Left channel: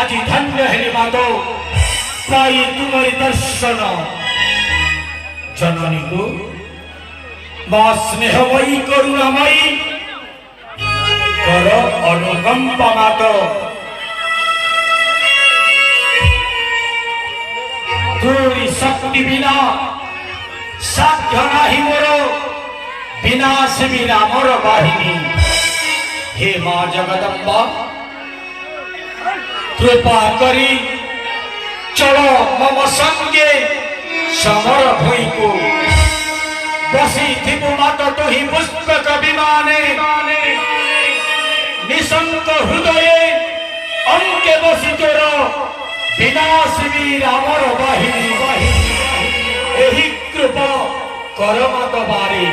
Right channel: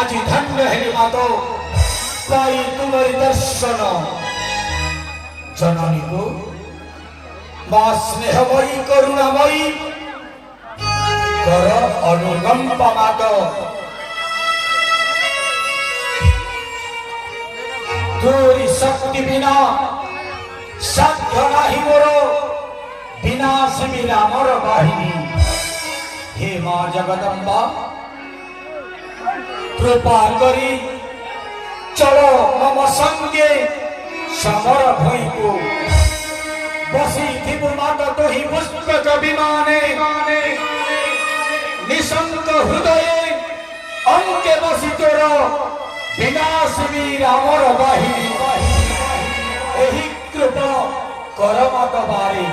आज धन्य है मातो पाई तुम्हारी दर्शन जननी को मां स्नेहमयी करुणामयी कर अनुकंपा मातो तोरी शक्ति बिना साध्य नाही मोर विनाश मेरा मोर बाहिनी। हे मां जगदम्बा कृपा करी चलो मम संगे समर भई को बसी थी मात तो ही पुष्पक विमाने निशंक हृदय अंके बसी तोर विनाश मेरा मोर बाहिनी। एही कृपा कर मत बारे।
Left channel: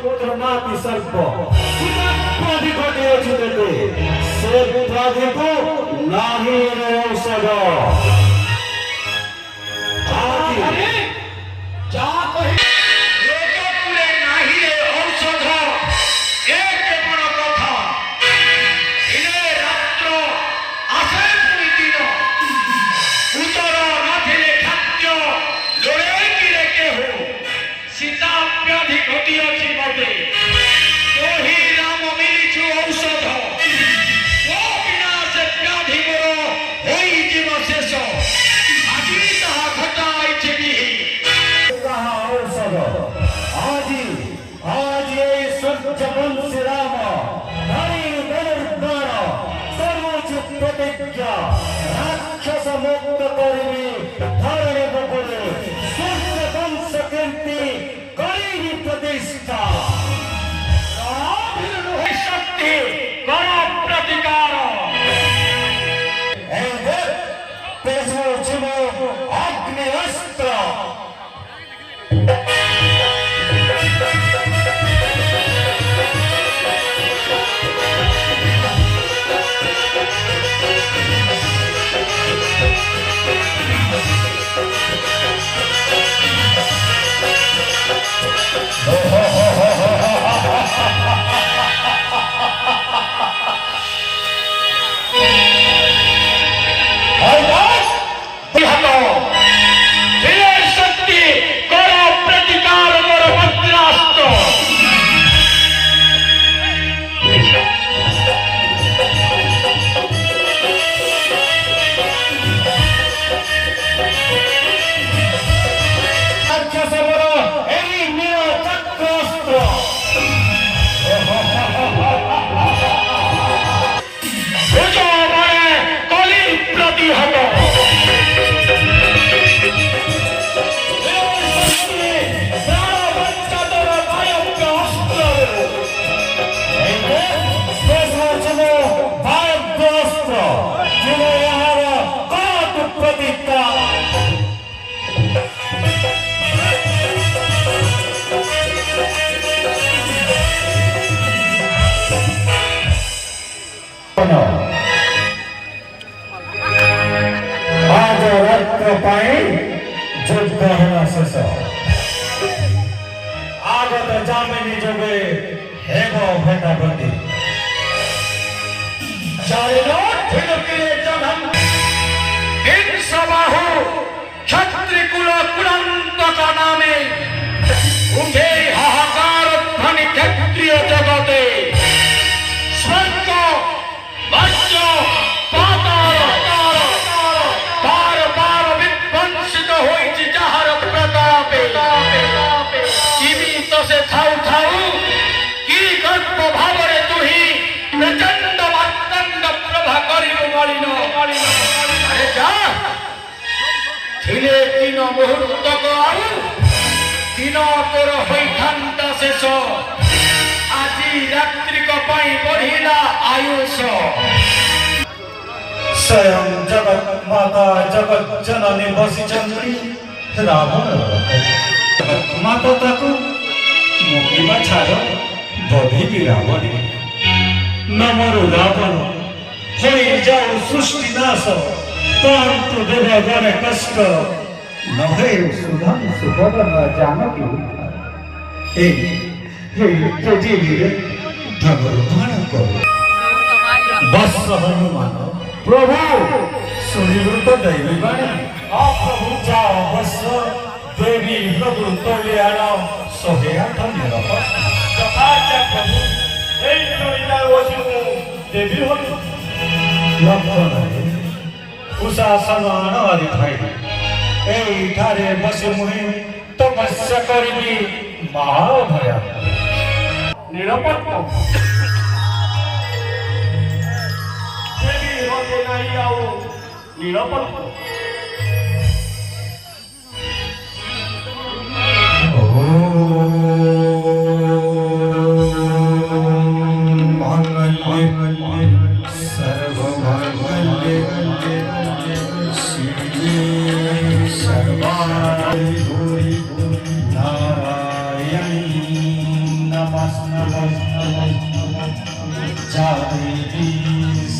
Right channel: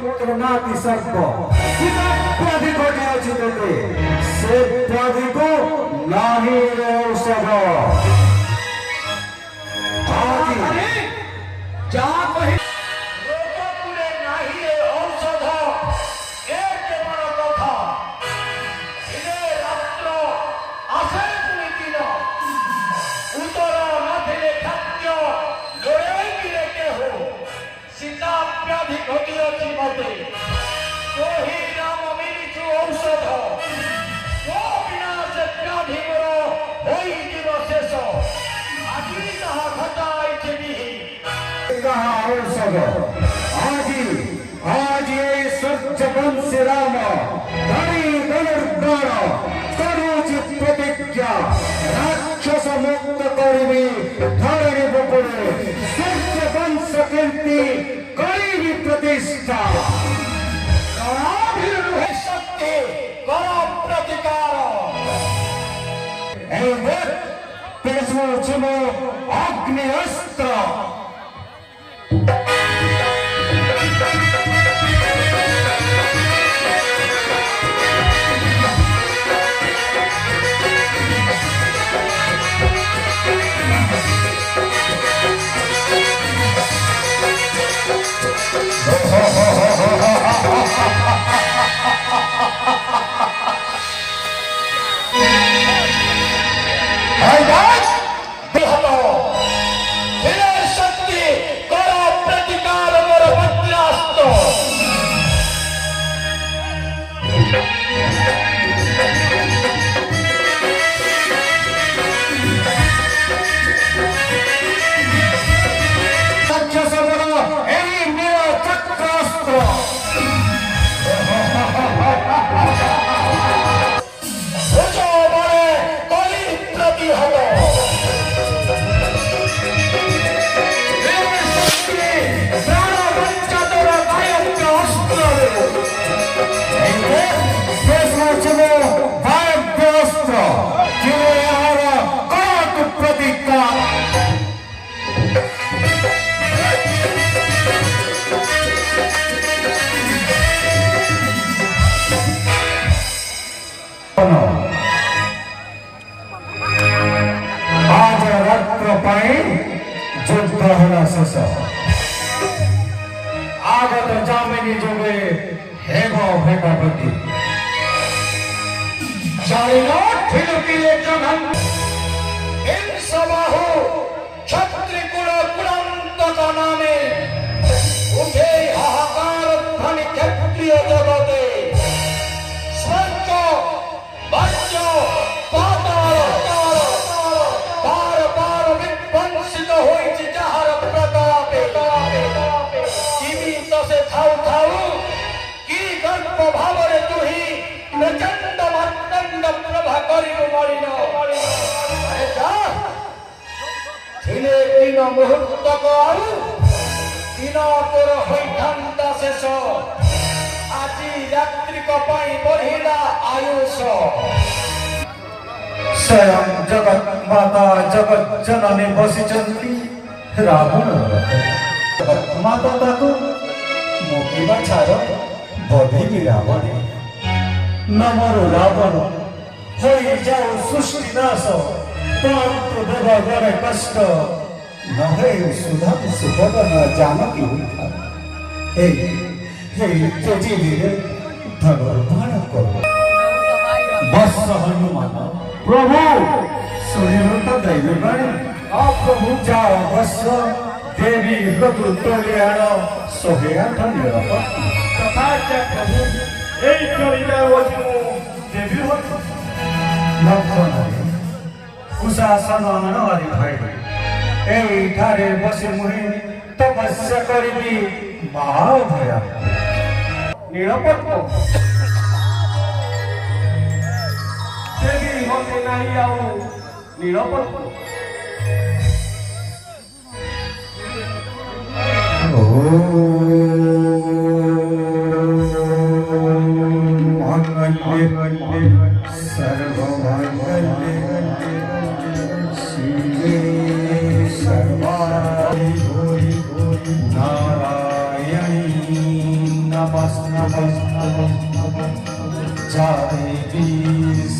पुत्र नाती सर्प सीता प्राधिको दियो छु तते से प्राधिको नाही रे औषध अरे जा कहि लोककुले नाही रे औषध एक बड़ कथा इने रात्र आसे पुनी दिन उतर नथिले खाद्य लोळे किरे के हो सीता व्याधि घटी अछि मते कोही राम मिलिछु औषध ओ बिना से व्याधि मोर होई जीव शेष आदि ताहा घटाई बिहि कहा औषध आज ये स्वच्छ वंश राम धनी धनुर्बाण सरोज प्रतिज्ञा राक्षस मुक्त करिवे धरणी बकोरे स्वच्छ वंश कीर्ति करिवी प्रतिष्ठा शक्ति करो प्रतिकार तेजोचनो अग्नि अस्त्र शक्ति करो प्रतिकार मोर वज्रास्त्र राक्षस बल एही नील चक्रास्त्र भुजो बड़े कली प्रतिहत आज रात्र पाई युद्ध हेला शेष आगत जामिनी जोगे हेब भेटापति जाइनो ठिलकिले जघन हिंसबाहु क्षत्रि कुल कुलंतक नामे उठे हाहाकार ध्वनि क्षत्रिय जगते स्वर्ग वज्र पाताल पार पार विध्वंसित होइछि जाहर प्रतापे जीवित से थाउ थाउ की गर्भ भावरे तुही प्रचंड मातंड प्रभा करियो मालिनो अरे जा थिले तीन मुहूर्तक आउ दिन तोर होइथांता शेष আজি रात्रिक पाई बढ़िला आयुष स्वयं जगत माता जगत जननी बसिचंती रावण जगत माता ताकू मुकिमा छाड़ बधी भी रावण नमरु रावण होई जाऊ सृष्टि नाश तंतु देवा गरे कष्ट नहे सुधा सुधा जानकी हे हे तेजीवीरे धनुर्बाण करो बस हनुमान प्रभु सुनिलु तो दैवी बाणी प्रभु जाओ बस देवी प्रभु तलियाण 108 निरप तथाच प्रभु এই চলিদার বসিও দেবী হল লক্ষণ कुशासन ननवारी भाई एठारे बसी मुहि तपस्या करिबी महाभया নিরাপত্তা দেবী হতে নাই আও নিরাপত্তা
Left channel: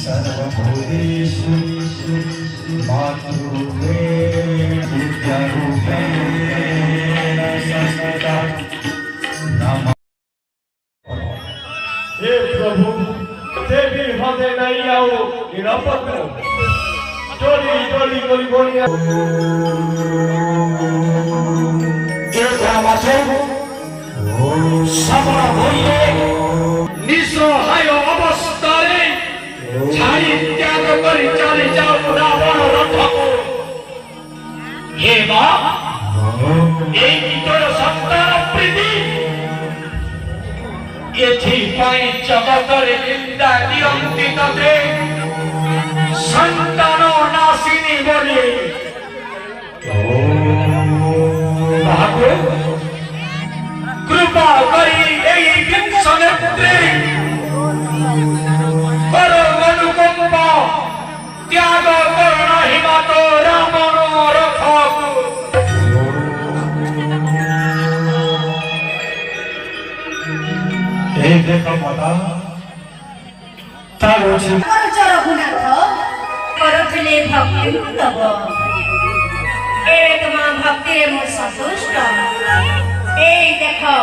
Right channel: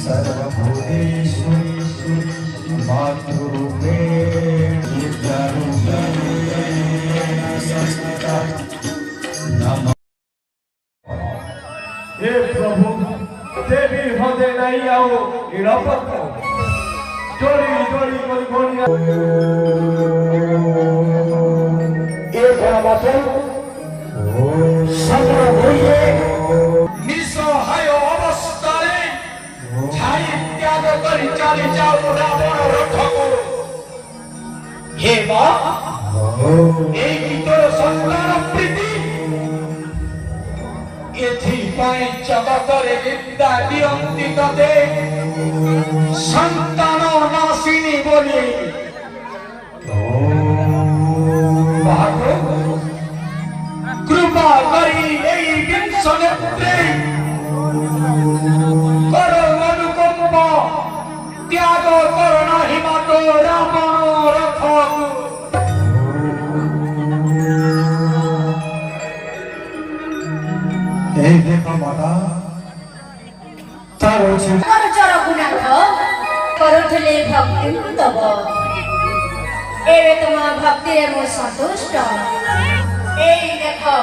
सर्व हे प्रभु देवी हृदय नहीं आओ निरापद डोली डोली डोली बोलिए सबल होइए निसहाय अवस्थारे छाड़ी त्याग करी चाली जाऊ रावण रथको हे मां एई तो संतान प्रीति एथिपाई जगतरे निंदा दियन्ति तते संतान नाशिनी बोली कृपा करी एई विंश नेत्री करो अनुकंपा त्याग करो हिमात रावण रथको এই দেখো মাতা তার হচ্ছে রঘুনাথ করথলে ভক্তি তব এবে তোমা ভক্তিরে মু সন্তুষ্ট এই দেখো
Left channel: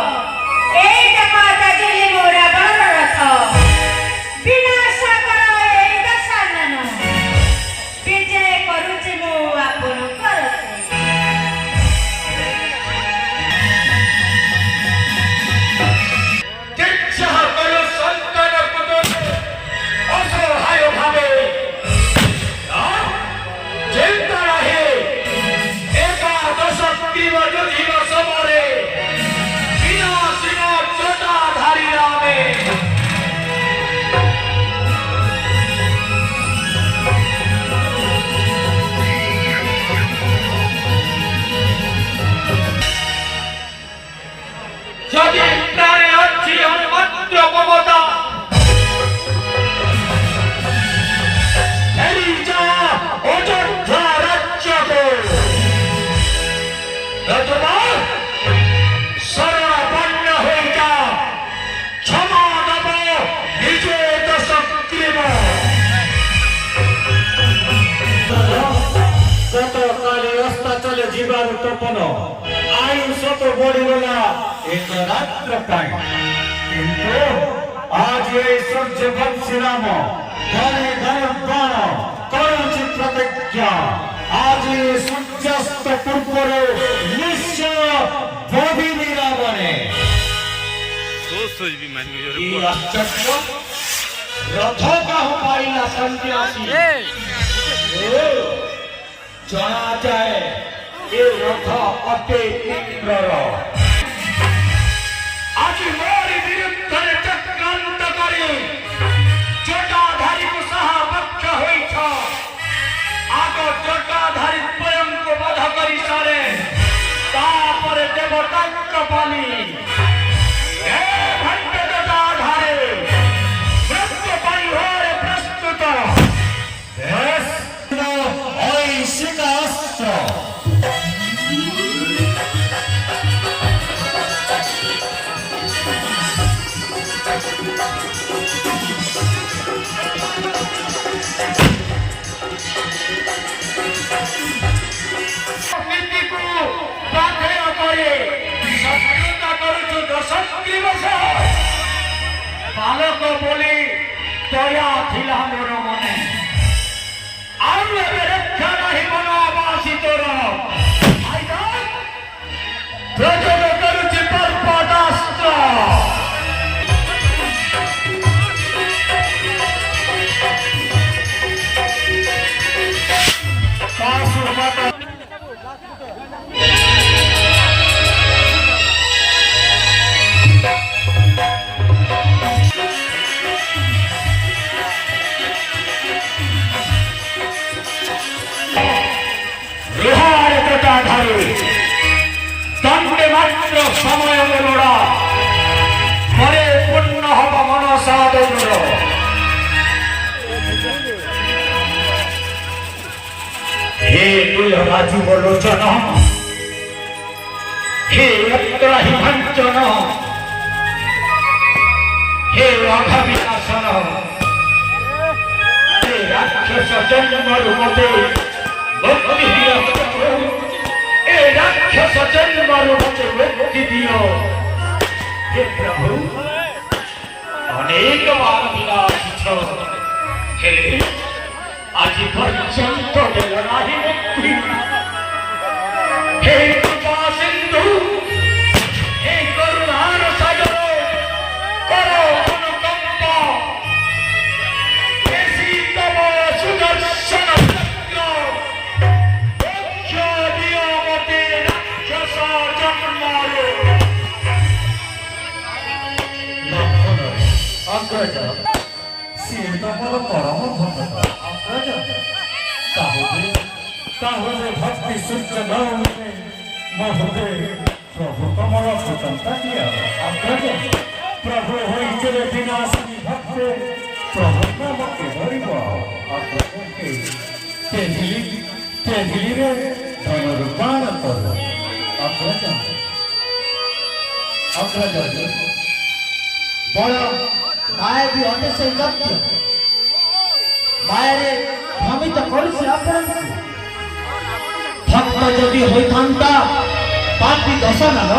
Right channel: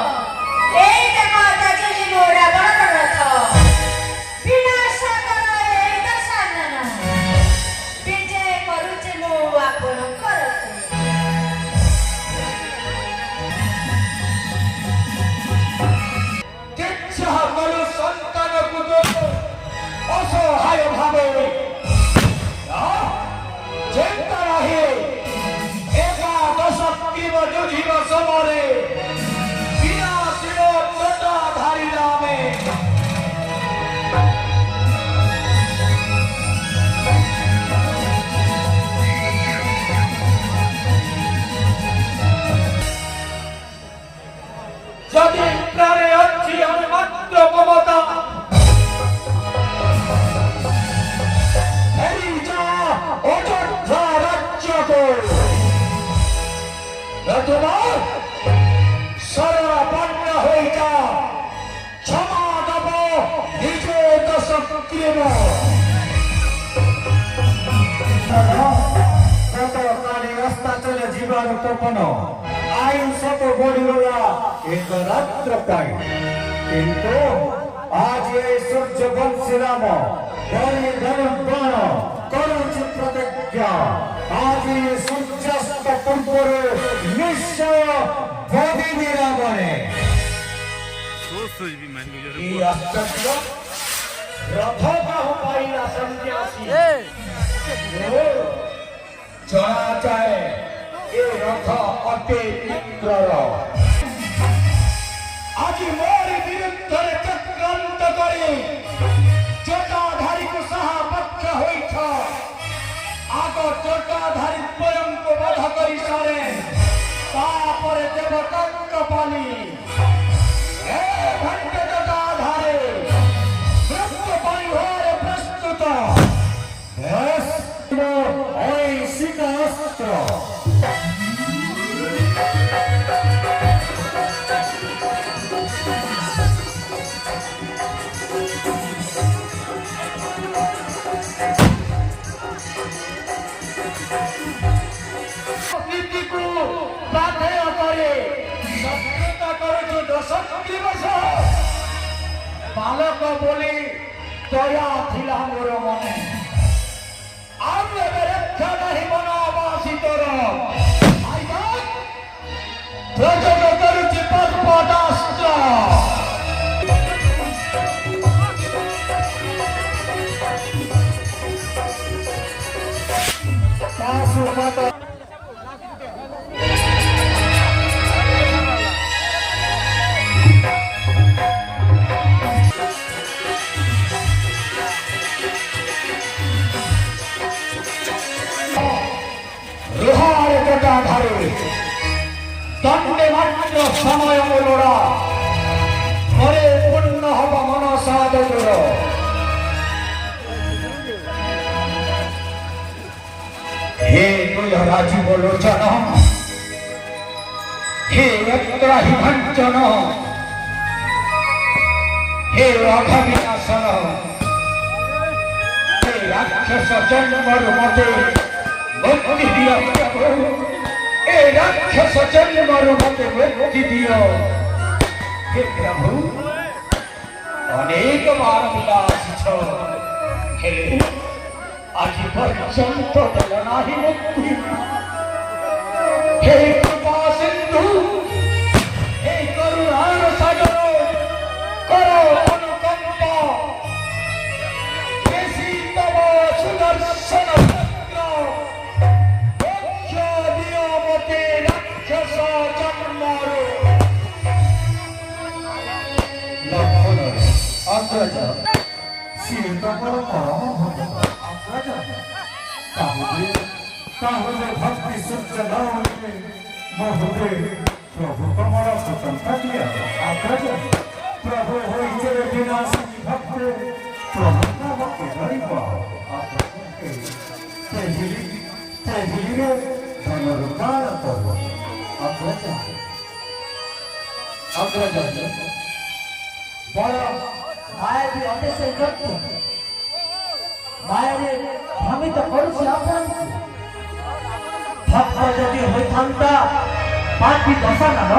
দাজিলে মো রাবণ রথ বিনাশ কর এই দশানন বিজয় করুছে মু আপন করতে इच्छा करो संतान पुत्र असहाय भावे चिंता रहे एकादश तीन युधिन समरे विनाशिन जटाधारी रामे यदि प्राणे अच्छी अनुमात्र ममता हेरी जा अयोध्या राज्य को रघुना शरणपन्न हो जा क्षमा दब निजे दश क्रिय যত কালে রাস্তা চলে জীবার তপন আইন শত বড়িগলা এক রাত্র পাই কিন্তু আজ এই সূর্য বংশীরাম ঘরে গরুণ করুছি প্রতিজ্ঞা আজ এই সূর্যাস্ত পূর্বরে নিশ্চয় ভবিনী রামনে এই আশ্চর্য রথ কাহু পাইলা সন্ন্যাসী জনা যায় এ রথ অতে উগ্র আজ মোর বিরুদ্ধে চক্রান্ত করে জটাধারীକୁ ସାହା ପକ୍ଷ ହୋଇଛ ଆଗ ଜଟାଧାରୀ ସ୍ୱୟଂକୁ ବଧ କରି ସାରେ ତାପରେ ଦେବତାଙ୍କ ପାଲି ହେ ଭଣ୍ଡ ଜଟାଧାରୀ ମୃତ୍ୟୁ ପାଇଁ ହୋରେ ପ୍ରସ୍ତୁତ ঐশিক অস্ত্র নীতিକୁ ପ୍ରାର୍ଥନା କରି ସଫଳତା କରୁଛୁ ଦଶକ୍ତି ବର୍ଷ ବାଲକ ବୋଲି ଦୟା ଥିଲା ମୋର ମନେ ଆଉ ଏବେ ରକ୍ଷା ନାହିଁ ବନବାସୀ ତୋର ପ୍ରଯୋଗ କରୁଛି ପର୍ବତାସ୍ତ୍ର ରୁହାର ଜଟାଧାରୀ ଦଣ୍ଡେ ମାତ୍ର ସମୟ ଲୋଡ଼ା ପରେ ପୂର୍ଣ୍ଣ ହବ ମନସା ତୋର हे कुलराजु लोचन हे अत्राहि भञ्जन हे अघविनाशन हे ଜନ୍ମରୁ ମତେ ମୁକ୍ତି ଦିଅ ଏ ରାକ୍ଷସ ଜନ୍ମରୁ ମତେ ମୁକ୍ତି ଦିଅ ହେ ପ୍ରଭୁ ଅନେକ ବାର ପିଲା ଆସିଛ ହେଲେ ଆଜି ପର୍ଯ୍ୟନ୍ତ ଦେଲ ନାହିଁ ମୁକ୍ତି ହେ କୃପା ସିନ୍ଧୁ ହେ କରୁଣାର ସାଗର କର ଅନୁକମ୍ପା ହେ ସୀତମ ସୁଦର୍ଶନ ମୋକ୍ଷ ଦିଅ ମତେ ରାକ୍ଷସ ଜନ୍ମରୁ ଅଗ୍ରଜ ସିଏ ତାଙ୍କର ପରମ ଭକ୍ତ ଅଗ୍ରଜ ତାହେଲେ ଭକ୍ତି ସୂର୍ଯ୍ୟ ନ ହୁଏ ପ୍ରଭୁ କମଳ ସ୍ୱତନ୍ତ୍ର ଦିଅ ଅଗ୍ରଜ ପ୍ରଭୁ ହୋଇଥିଲେ ବିନାଶୀ ଭକ୍ତ ପ୍ରଭୁ ନାମ କିଭଳି ବଳ ତେହିଲିରେ ଧନରୁପାଣ କରୁ ଅଗ୍ରଜ বড় মায়ের বি অনেক সেই ব্যক্তি মায়ের ভ্রমিত করছে আপনাকে ভক্ত যদি হইথান্তা পাপি দশানন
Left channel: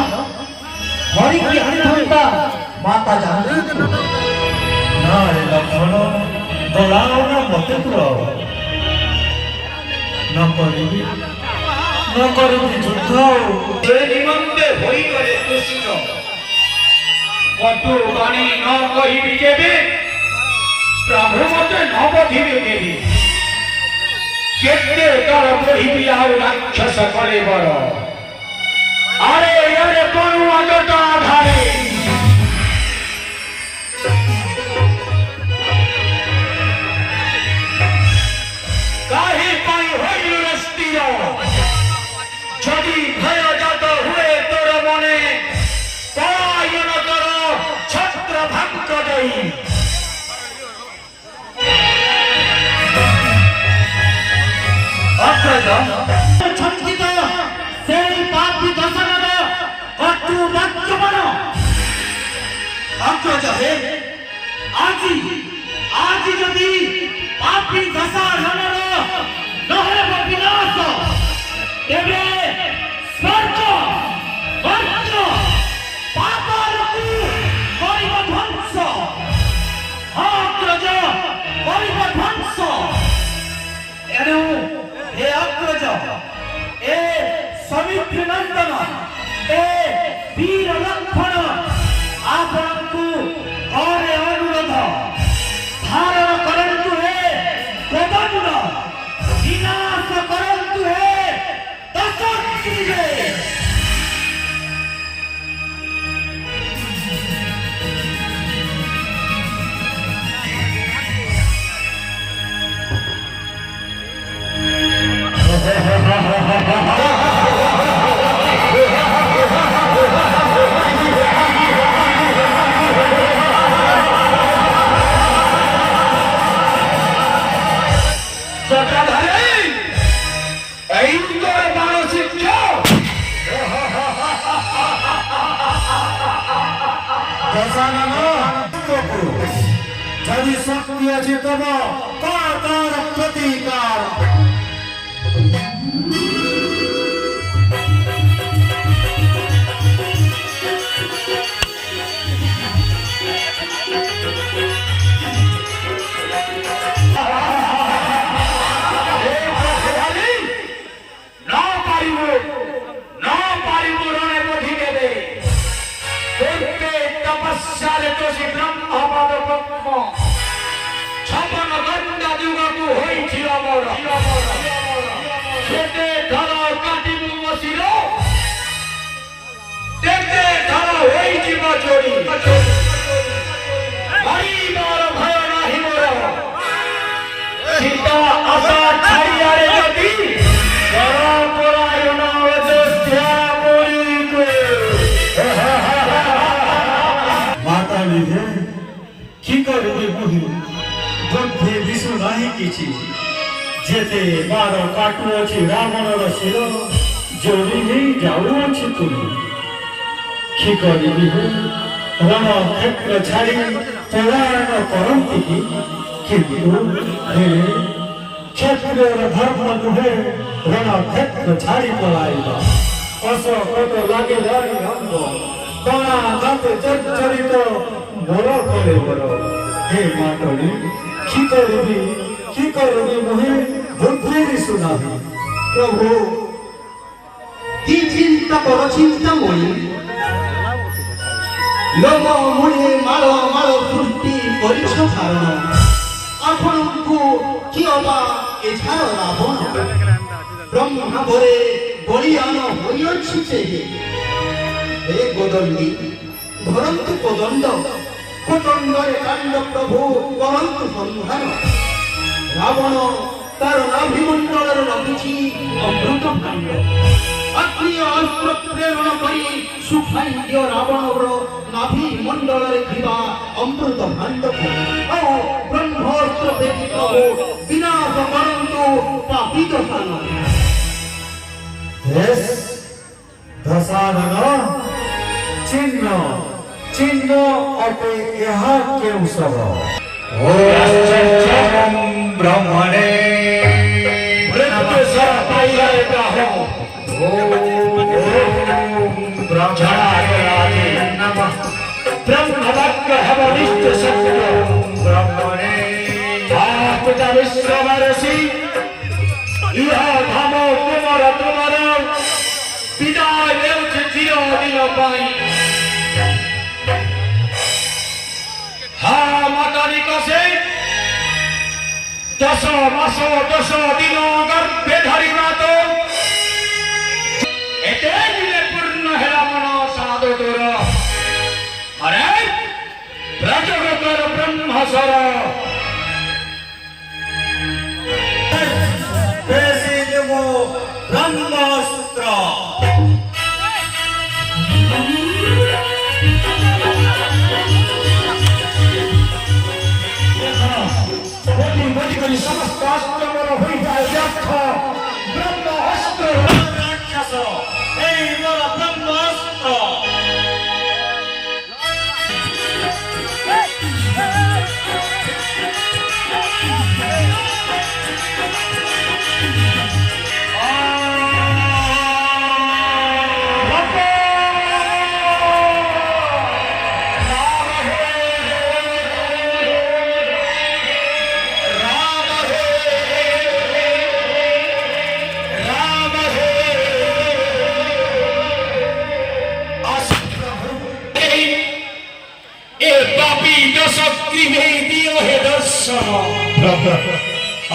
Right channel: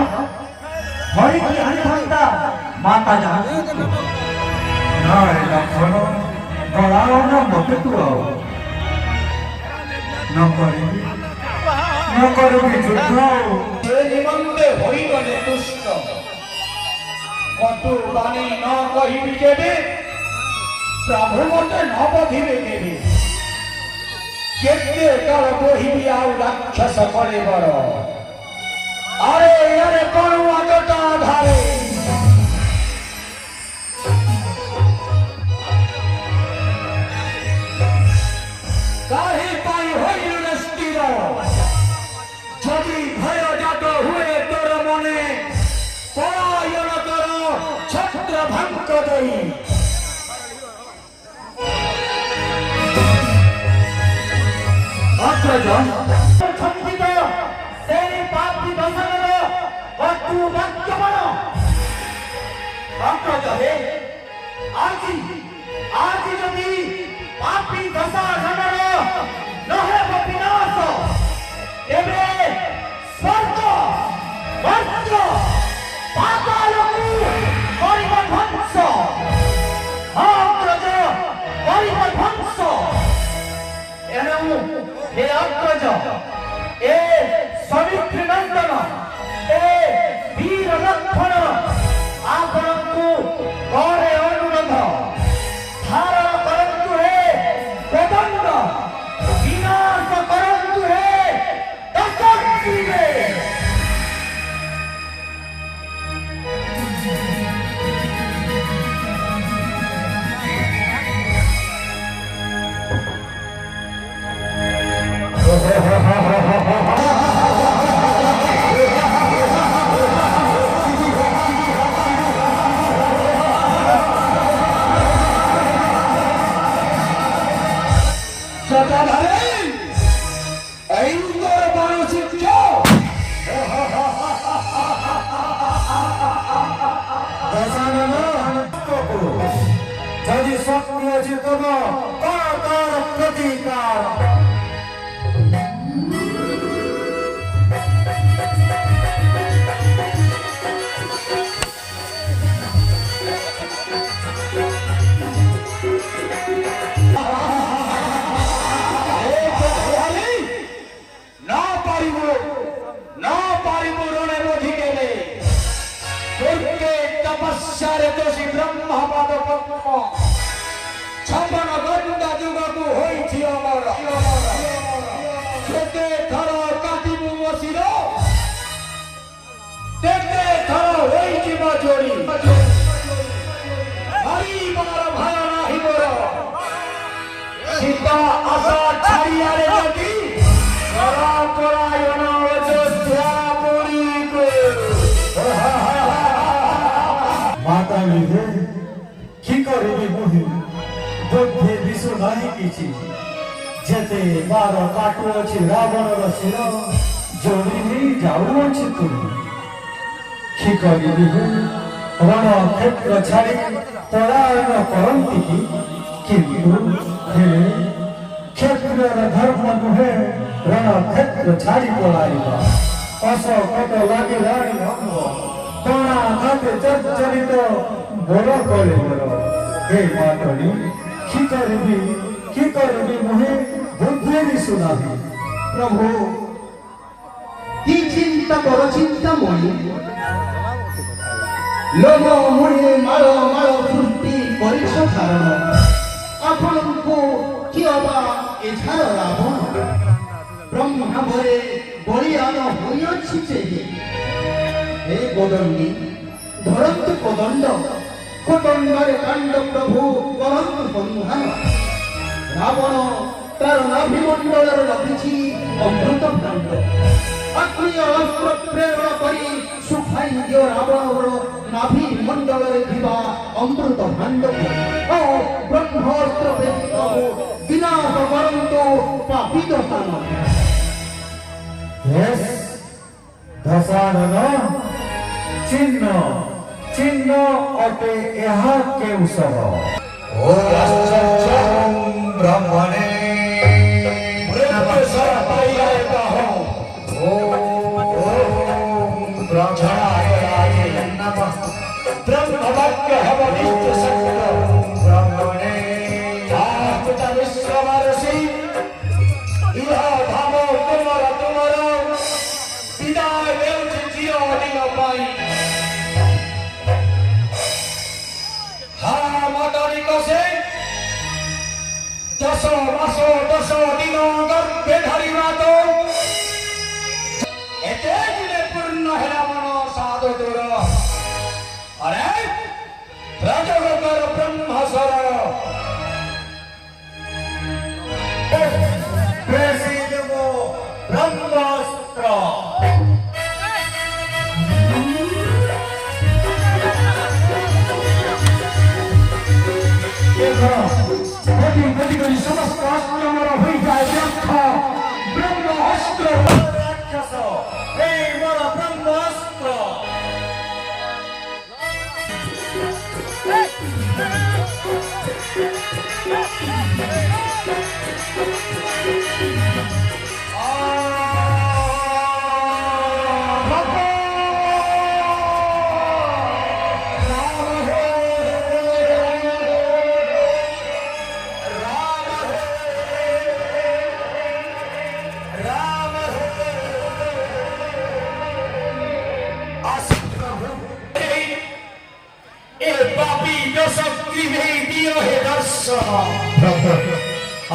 হরিকি আনিথান্তা মাতা জানন্তু ନାରେ ଲକ୍ଷ୍ମଣ ବଳାୟନ ମତେ ତୁର ନ କରିବି ଯୁଦ୍ଧ ସେ ନିମନ୍ତେ ହୋଇଗଲେ ତୁଷ୍ଟ କଟୁ ବାଣୀ ନ କହିବି କେବେ ପ୍ରଭୁ ମତେ ନ ବଧିବେ କେବେ କେତେ କାଳ ବହିବି ଆଉ ରାକ୍ଷସ କରେ ବର ଆରେ ଆରେ କରୁଣ ଜଟା ଧାରେ କାହିଁ ପାଇଁ ହୋଇଲୁ ରେ ସ୍ଥିର ଯଦି ଭୟ ଜାତ ହୁଏ ତୋର ମନେ ପଳାୟନ କର ଛତ୍ର ଭାଙ୍କ ଦେଇ অগ্রজ ছন্দিত সেই পাপি দশানন কটু বাক্যমান অগ্রজ হে আজি যদি পাপি দশাননর নহব বিনাশ তেবে স্বর্গ বজ্র পাতালকু করিব ধ্বংস অগ্রজ করিব ধ্বংস এণু হে অগ্রজ এ সমিত্রী নন্দন এ বীর লক্ষণ ଆପଣଙ୍କୁ କରେ ଅନୁରୋଧ ଧାରଣ କରନ୍ତୁ ହେ କୋଦଣ୍ଡ ବିନାଶ କରନ୍ତୁ ହେ ଦଶଗ୍ରୀବେ জটাধারে এই তোর বড় শিক্ষা যদি শক্তি আছে তব তার প্রতিকার রণে বধি দেবে পূর্বে তপস্যারে দোষী ব্রহ্মপাদ ব্রহ্ম ছপন গণ্ডা যুগকু হইছি অমর তেতে ধর কাটিবু বসির তেতে ধর হইଯିବ চোরি হরিবার ভয় নাহি মোর সীতা আশা ছাড়িয়ারে যদি পরায়ণ অযোধ্যা বলিবে মাতা বিভু কি করবে বহি যুদ্ধে বিশু ନାହିଁ କିଛି ଯେତେ ବାର କାଟୁଅଛି ରାବଣର ଶିର ଯୋଡ଼ି ହେଇ ଯାଉଅଛି ତୁଲି କି କରିବି ହେ ରଣ କ୍ଷେତ୍ର ଛାଡ଼ି ପଳାୟନ କରନ୍ତି କି କିନ୍ତୁ ହେ କ୍ଷତ୍ରିୟର ଧର୍ମ ନୁହେଁ ରଣ କ୍ଷେତ୍ର ଛାଡ଼ି ପଳାଇବା ଅସକଟ ଲାଗିଲାଣି ଭଙ୍ଗ କଣା ନାତେ ଚଞ୍ଚରିତ ବଡ଼ କଲେ ବଡ଼ ହେ ମାଟଣି କି କରିବି ମୁହିଁ ବୁଦ୍ଧି ଦିଶୁନାହିଁ প্রভু কি চিন্তা করো চিন্তাময়ী লোক মুড়ি মাଳ মাଳ সৃষ্টি କରିଛ ଧାରଣ ଆପଣଙ୍କୁ କିଏ ଅବା ଏଠାର ରାବଣ ବ୍ରହ୍ମାବରେ ବଳିୟାନ ହୋଇଅଛି ଯେ ହେ ଗୋଦଣ୍ଡୀ ଧରନ୍ତୁ କୋଦଣ୍ଡ କୋଦଣ୍ଡରେ କାଣ୍ଡ ପ୍ରଭୁ କରନ୍ତୁ ସଂଧାନ ରାବଣ ତାର ନାଭିମଣ୍ଡଳରେ ରଖିଛି ଅମୃତ କାଣ୍ଡ ଅଗ୍ନି ଅସ୍ତ୍ର ପ୍ରେରଣ କରି ଶୁଖାଇ ଦିଅ ରାବଣର ନାଭି ମଣ୍ଡଳରେ ଥିବା ଅମୃତ ଭାଣ୍ଡକୁ ଓ ବ୍ରହ୍ମାସ୍ତ୍ର ବ୍ୟତୀତ ବିନାଶ କରନ୍ତୁ ପାପିତ ସ୍ଥାନ ଦଶାନନ ଚିହ୍ନ ଅଟେ ଏହା କେଉଁ ସର ब्रह्मणे दश दिन गर्भे धरी मात एते दिने पूर्ण हेला मन साधु तोर अरे प्रजगतर ब्रह्मसर ब्रह्मास्त्र समस्त अस्त्र मोर होई जाए व्यर्थ ब्रह्मास्त्र राक्षस हे मोर ब्रह्मास्त्र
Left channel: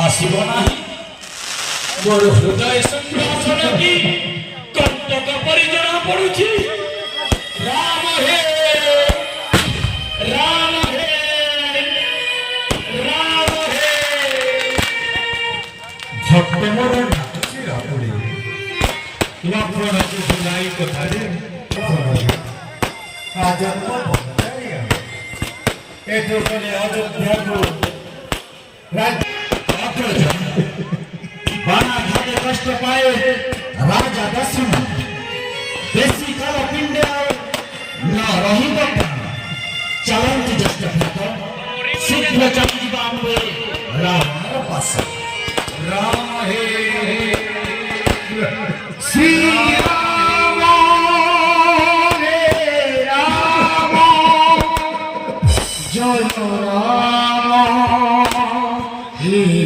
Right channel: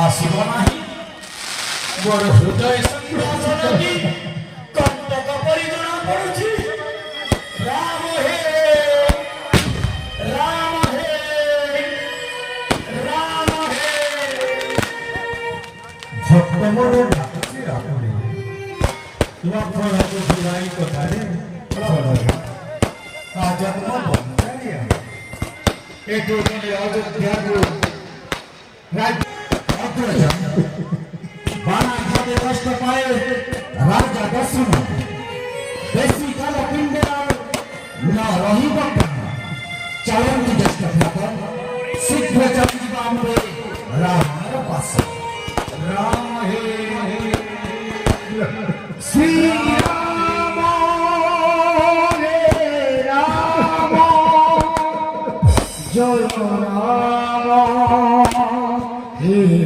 आसिब नाही मोर हृदय संघर्षण की कंटक परि जना पड़ुछि राम हे राम हे राम हे भक्त मोर डाकुछि रापुरी लक्ष्मण जुलाई कथारे राजन बंधारिया एतो कले अयोध्याको राज्य बाना भागे कष्ट पाए राजा दशरथ देसी काल पिंडे ना रही बता चलंत जस्ट शीघ्र चली बाम राम पास राम हे श्री राम हे राम जय राम हे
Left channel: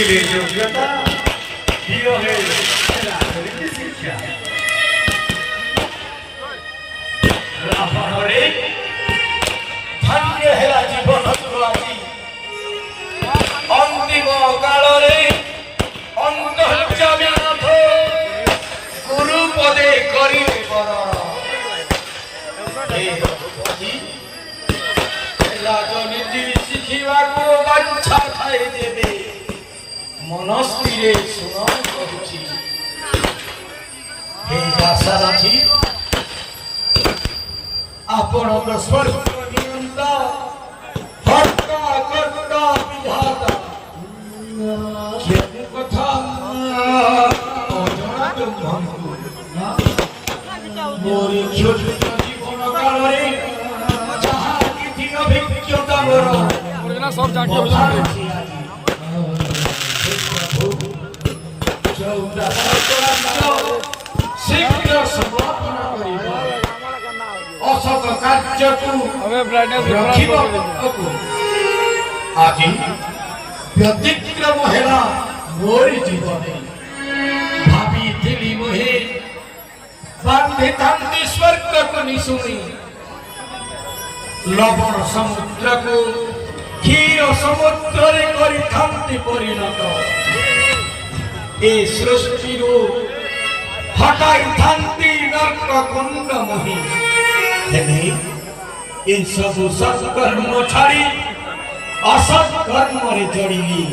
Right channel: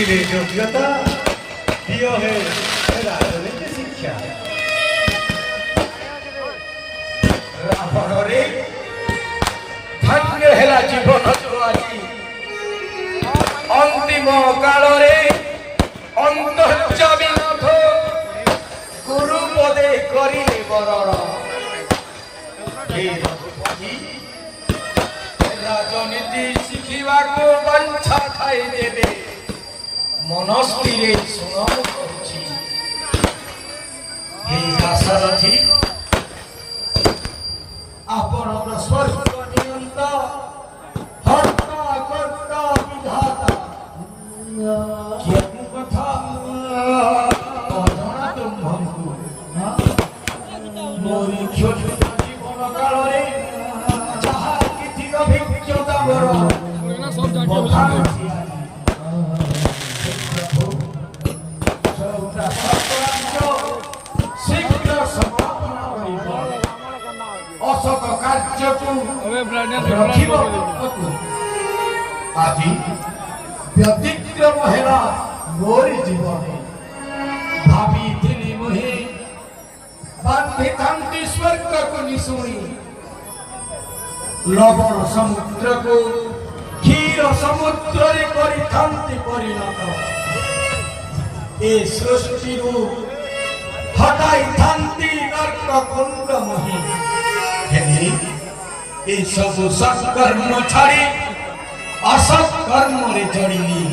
ଥିଲେ ଯୋଗ୍ୟତା ଦିଅ ହେ ରାଜନୀତି ଶିକ୍ଷା ରାବଣରେ ଭାଗ୍ୟ ହେଲା ଜୀବନକୁ ଆଜି ଅନ୍ତିମ କାଳରେ ଅନ୍ତର୍ଯାମୀନାଥ ଗୁରୁ ପଦେ କରିଲେ ବରଣ ହେ ରଘୁପତି ରାଜନୀତି ଶିଖିବାକୁ ବାଞ୍ଛା ଥାଇ ଦେବେ ମନସ୍ଥିରେ ଶୁଣ କରୁଛି ହେ ଦାସରଥୀ ଆପଣଙ୍କ ସ୍ୱର୍ଗ ନିୟନ୍ତା ହର୍ତ୍ତା କର୍ତ୍ତା ବିଧାତା କେଉଁ କଥା ଅଜଣା ତୁମ୍ଭଙ୍କୁ ମୋର କ୍ଷୁଦ୍ର ଜୀବନ କାଳରେ ଯାହା କିଛି ଅଭିଜ୍ଞତା ମୋର ଶୀଘ୍ର ସମାପନ କରିବ ଅସତ କାର୍ଯ୍ୟକୁ ରଖିବ ପକ୍ଷକୁ ଆଜି ବ୍ୟତିକ୍ରମ ହେଲା ମୋରି ଜୀବନେ ଭାବିଥିଲି ନୁହେଁ ବାନ୍ଧିଥାନ୍ତି ସ୍ୱର୍ଗକୁ ନିଶୁଣି ଲବଣ ସମୁଦ୍ରକୁ କ୍ଷୀର ସମୁଦ୍ରରେ କରିଥାନ୍ତି ପରିଣତ ଏ ସୃଷ୍ଟିରୁ ହଟାଇଥାନ୍ତି ନର୍କ କୁଣ୍ଡ ମୋହି ହେଲେ ଏ ସବୁ ସତ୍କର୍ମ ଛାଡ଼ି ଅସତ୍ କର୍ମରେ ଜଡ଼ିଲି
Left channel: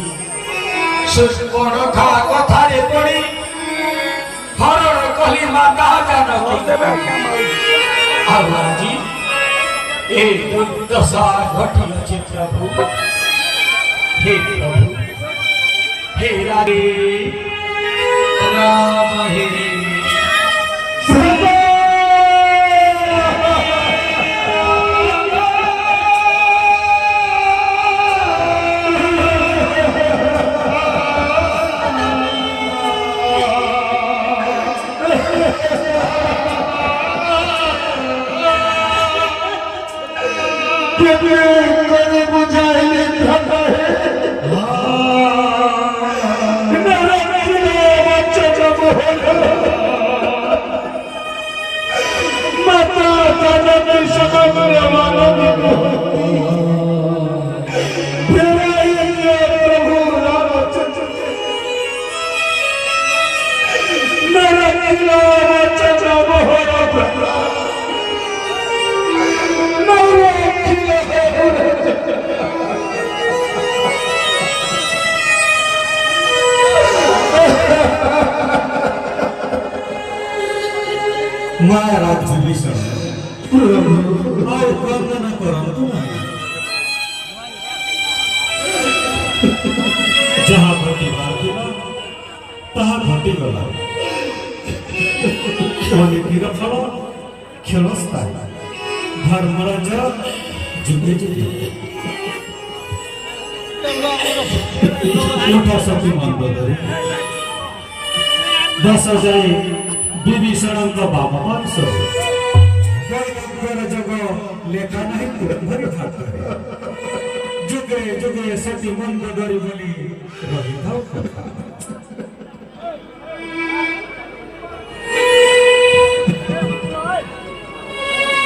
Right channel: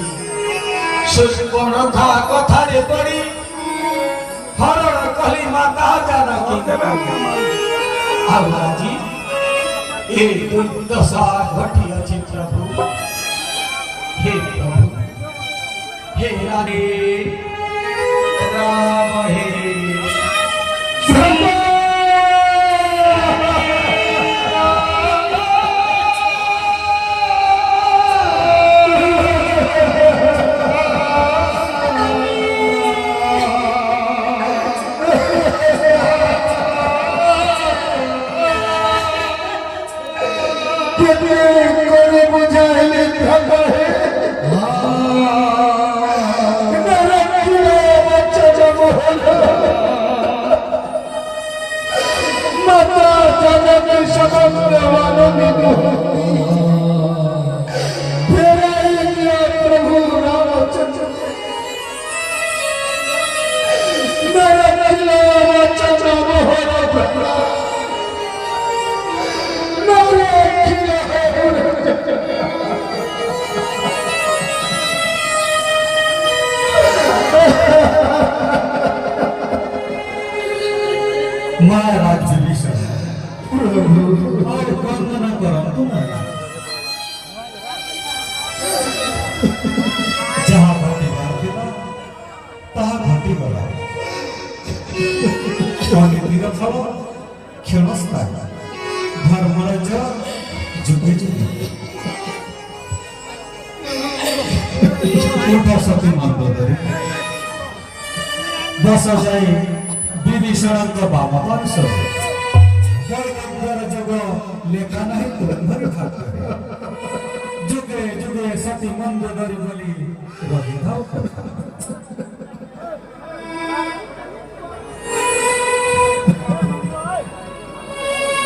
ସୁଷ୍ପଣଖା କଥାରେ ପଡ଼ି ହରଣ କଲି ମାତା ଜାନକୀ ଆଉ ଆଜି ଏ ଦୁର୍ଦଶା ଘଟିଅଛି ପ୍ରଭୁ ହେ ପ୍ରଭୁ हे राधे राम हे महाराज विभीषण और वर्णना करंतु नहीं जहाँ घटी मार्दिबा तहाँ घटी गला क्षणितिर फल क्षणस्थायी धर्मर जय जुगे जुगे उठा सती मंडोदरी बस जाई विभीषण बाम पार्श जोग लेखा नहीं जुगे जुगे सती मंडोदरी बोली रही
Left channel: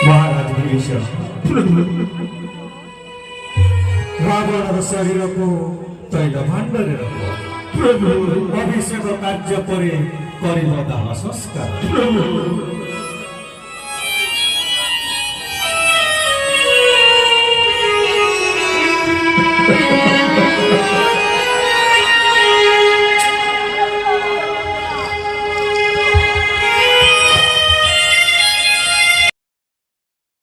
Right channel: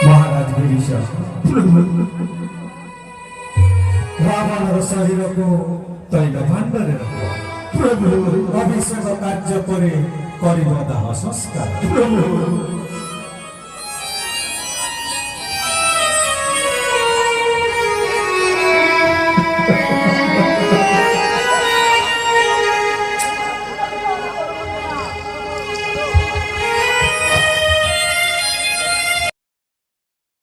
महाराज विभीषण रावण शरीर को तैल भांडरे अभिषेक कार्य पर दाह संस्कार